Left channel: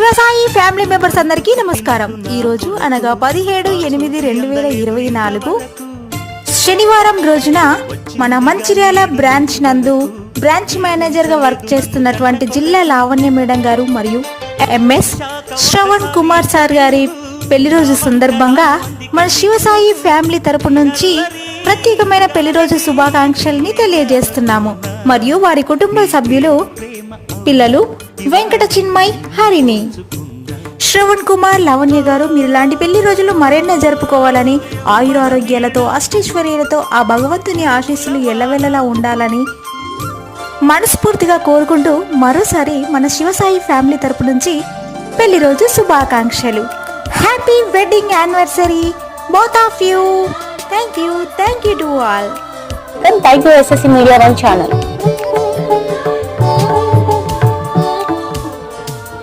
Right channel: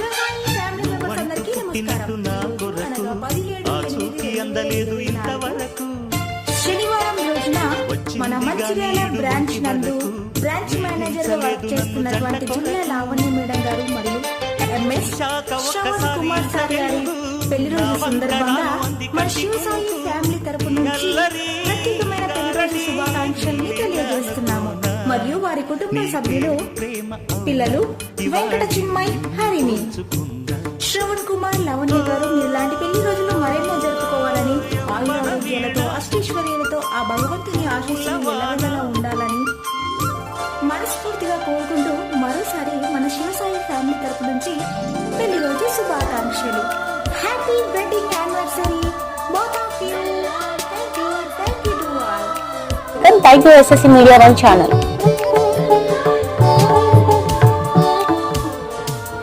Shivasai family members అందరికీ నమస్కారం. ఈ రోజు అనగా 17/8/2024 శనివారం రోజున మన మంచిర్యాల బ్రాంచ్ నందు బ్రాంచ్ మేనేజర్ గా వర్క్ చేస్తున్నటువంటి జిల్లా లావణ్య మేడం గారు మరియు ఎంఎస్ శ్రవణ్ కుమార్ సార్ గారి పెళ్లి రోజు సందర్భంగా మన శివసాయి ఫ్యామిలీ తరపు నుంచి ప్రత్యేకమైన పెళ్లి రోజు శుభాకాంక్షల్ని తెలియజేస్తున్నాము. మరియు వారి కుటుంబ సభ్యులు పిల్లలు వెంకట చిన్మయ్, హరిణి. శ్రవణ్ కుమార్, లావణ్య గారు మీరు ఇలాంటి పెళ్లి రోజులు మరెన్నో జరుపుకోవాలని, ఆయురారోగ్యాలతో అష్టైశ్వర్యాలతో ఆ భగవంతుని ఆశీస్సులు ఎల్లవెల్లలా ఉండాలని మనస్ఫూర్తిగా కోరుకుంటూ మరోసారి మన శివసాయి ఫ్యామిలీ తరపు నుంచి పెళ్లి రోజు శుభాకాంక్షలు. Happy wedding anniversary both of you. Thank you to all. Thank you SSC Media One channel.